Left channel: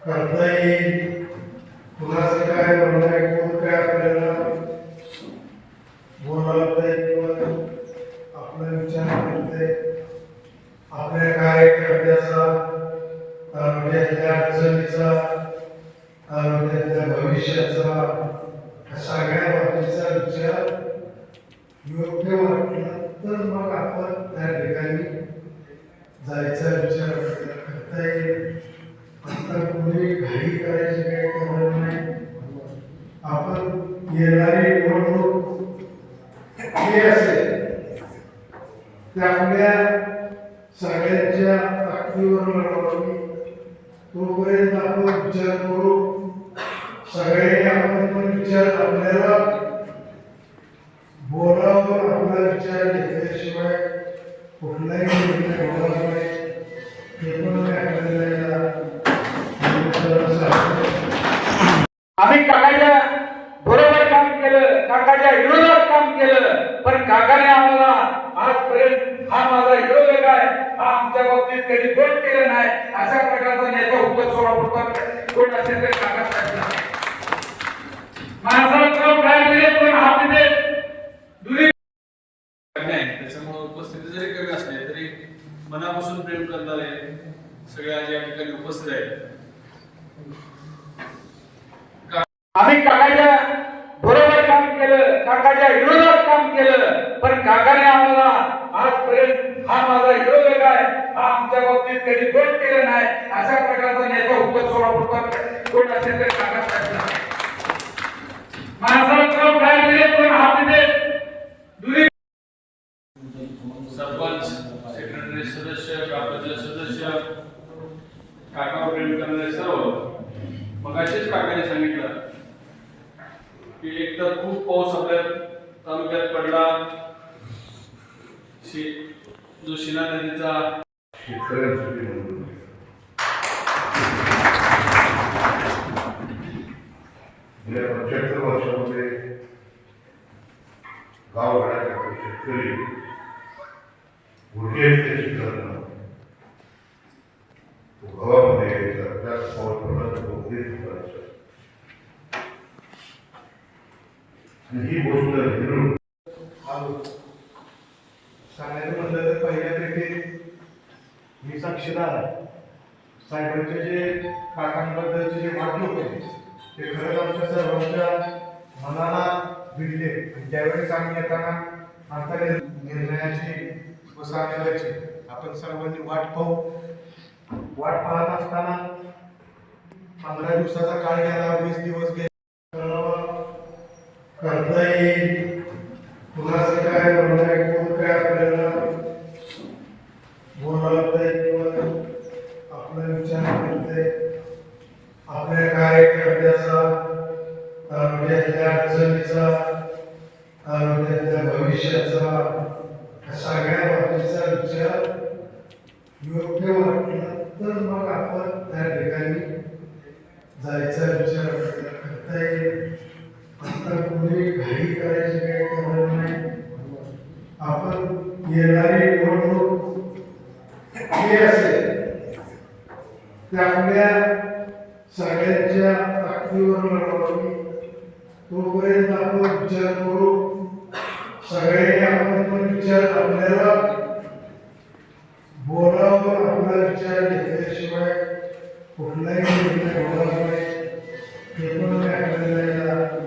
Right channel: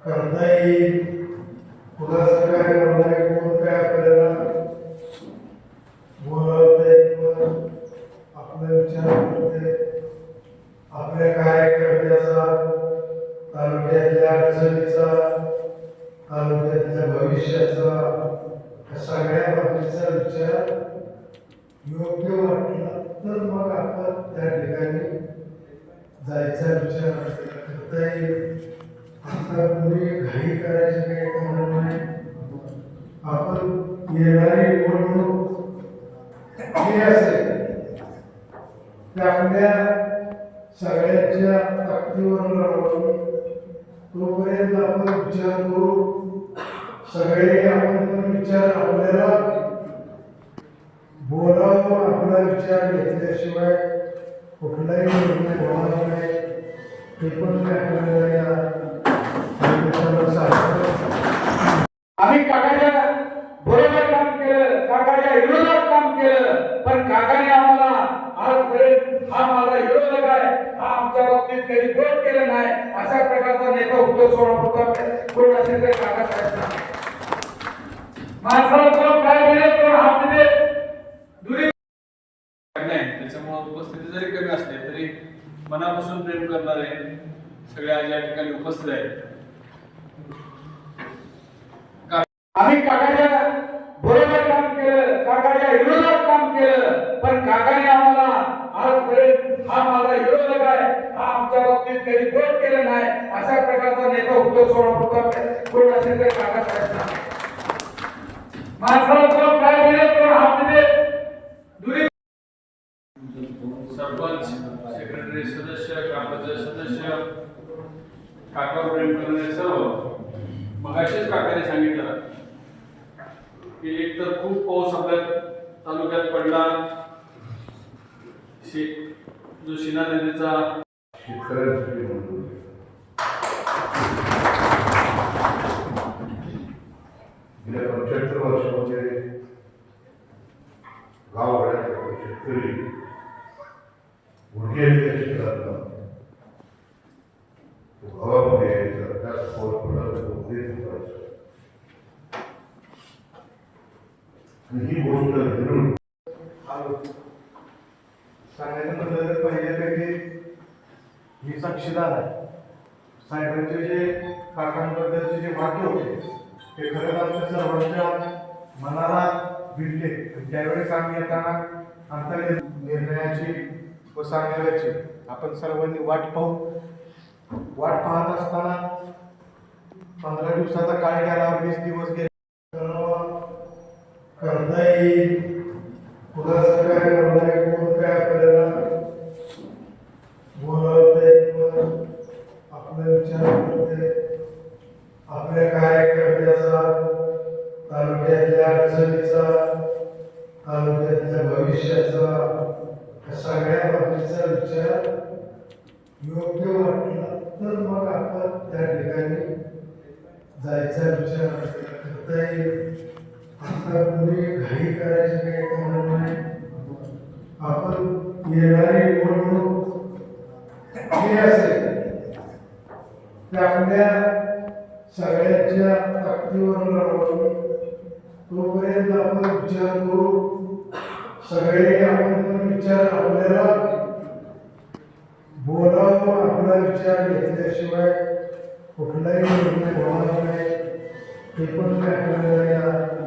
करता येईल. कुणाचं काय होणार आहे कोण काय आपल्याला बोलावतंय किंवा आपला विचार करते आपल्या कार्यकर्त्याचा तालुक्यातल्या अडचणीचा तालुक्यातल्या भविष्याचा सगळ्या बाबतीचा विचार योग्य वाटला तर मग आपण त्या ठिकाणी जायचा विचार करता येईल. आता पुढे घाई करायचे काही कारण नाही. आपण येणारी निवडणूक ही असेल. त्यामुळे सगळ्यांच्या ताकदीवर लढवली तोपर्यंत आपण विचार करू. सगळ्यांनी आपण पण विचार आपल्याला बोलावं आपला विचार घेतल्याशिवाय कुठलाही निर्णय नाही हे पण आम्ही काकाच्या बरोबर काम केलं काकाच्या विरोधात काम केलं पण काकाने आम्हाला आजपर्यंत हा माझा विरोधक आहे हा आमच्या बाबतीत कधी गोट केलं नाही अशा प्रकारचा नेता होतो सोळा फुटकर कोण असेल तर काका साहेब माणसाला कोण काय दिले पण हात दिले दुरी नाही त्याच्यामुळे उपस्थिती जरी एक मनापासून प्रेम करणारे सगळ्या आज या ठिकाणी उपस्थित आहेत. आम्ही काकाच्या बरोबर काम केलं काकाच्या विरोधात काम केलं पण काकाने आम्हाला आजपर्यंत हा माझा विरोधक आहे. हा आमच्या बाबतीत कधी गोट केलं नाही अशा प्रकारचा नेता होतो सोळा फुटकर कोण असेल तर काका माणसाला कोण काय दिले पण हात दिले सदस्य काकावर प्रेम करणारे सर्व मग असेच काकाने सांगितलं की एक तर खूप पाऊस आपल्या तालुक्यात पडला. शे जो शिना नदीचा गेल्या पंच्याहत्तर वर्षामध्ये गाव वाड्यात शेतकरी गुडघे त्याची करणं त्याच आणि ही गोष्ट सांगायचं तर पहिल्यापैकी मी साक्षीदार आहे साहेबांचे जे काकांबद्दलचे जे वाक्य होते ते खरंच आमच्या सर्वांच्या मनाला भिडले त्यावेळेस आम्ही येताना आमच्या निर्णयाची व सांगण्याची आपण सर्वांनी वाट पाहू वाट पाहत असताना पंधरा दिवसाचा काळ गेला वीस दिवस गेले. करता येईल कुणाचं काय होणार आहे कोण काय आपल्याला बोलावतंय किंवा आपला विचार करते आपल्या कार्यकर्त्याचा तालुक्यातल्या अडचणीचा तालुक्यातल्या भविष्याचा सगळ्या बाबतीचा विचार योग्य वाटलं तर मग आपण त्या ठिकाणी जायचा विचार करता येईल. आता पुढे घाई करायचे काही कारण नाही. आपण येणारी निवडणूक ही असेल. त्यामुळे सगळ्यांच्या ताकदीवर लढवली. तोपर्यंत आपण विचार करू. सगळ्यांनी आपण पण विचार आपल्याला आपण आपला विचार घेतल्याशिवाय कुठलाही निर्णय होणार नाही हे पण काय